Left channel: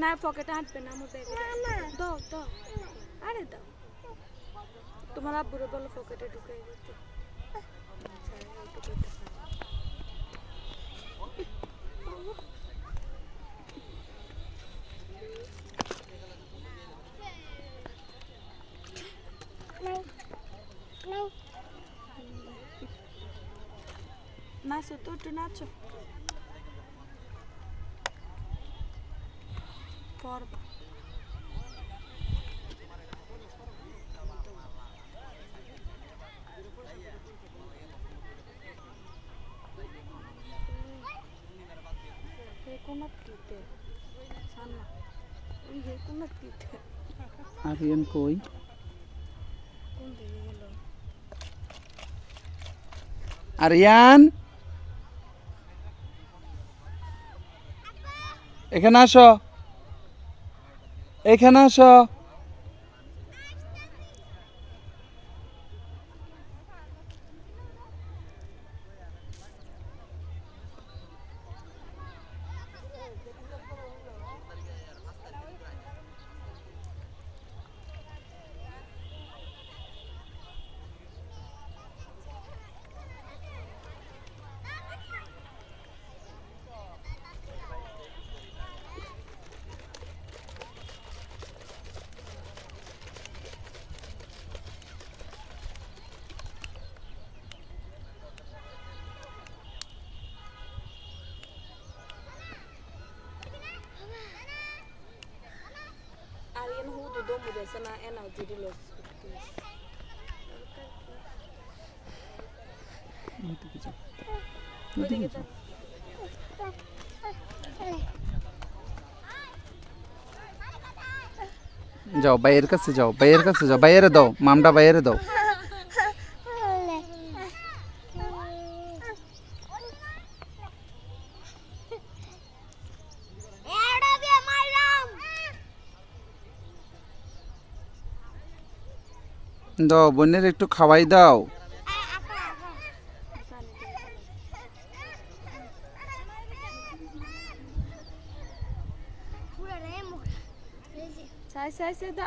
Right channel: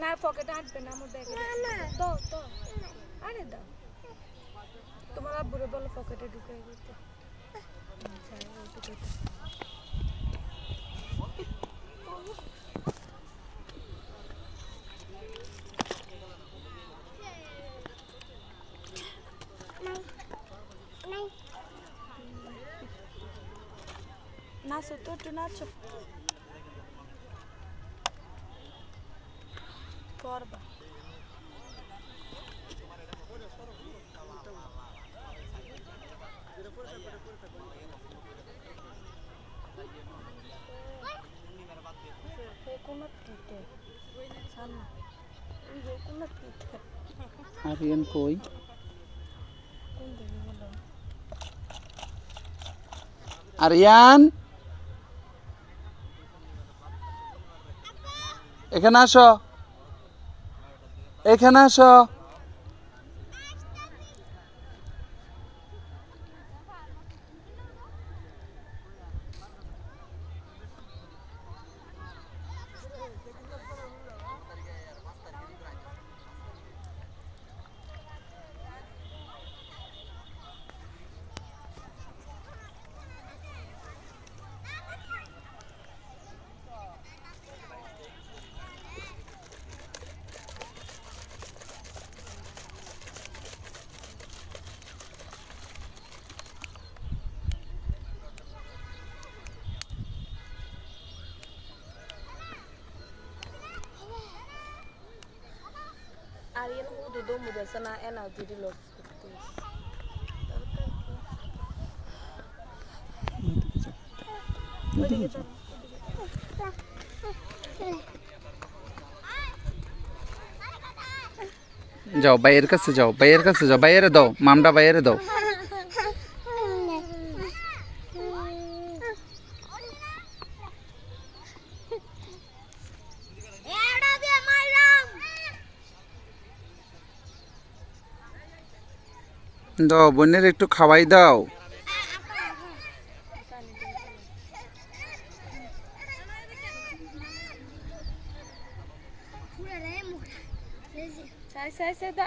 না পকেটে হাঁটবে না আমার ব্যাগে দাও দাও আরে দাও তোমার আব্বুরে বলো পকেটে ঢুকিয়ে দিতে নাচো তো একটু নাচো করবা আরিয়ান কই আরিয়ান এখানে আসো এখানে আসো Ariel hudu domu da sana ena jiri los যাও বাইরের কাছে যাও বাইরে দাও মামটা বাইরে দাও দাও বোনের একটু খাওয়াই দাও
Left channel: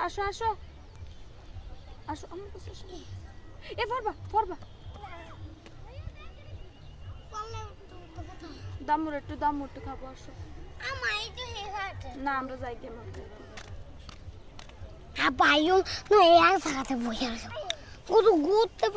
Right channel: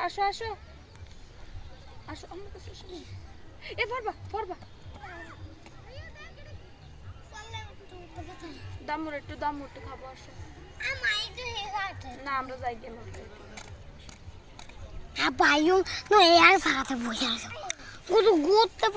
আসো আসো আসো আমার কাছে আসো এ ফরবা দামুর একটু খাবো আসো না আমরা যাই গেম আব্বা আইও না এই আর সাথে বসে আছে কত ঘুরতে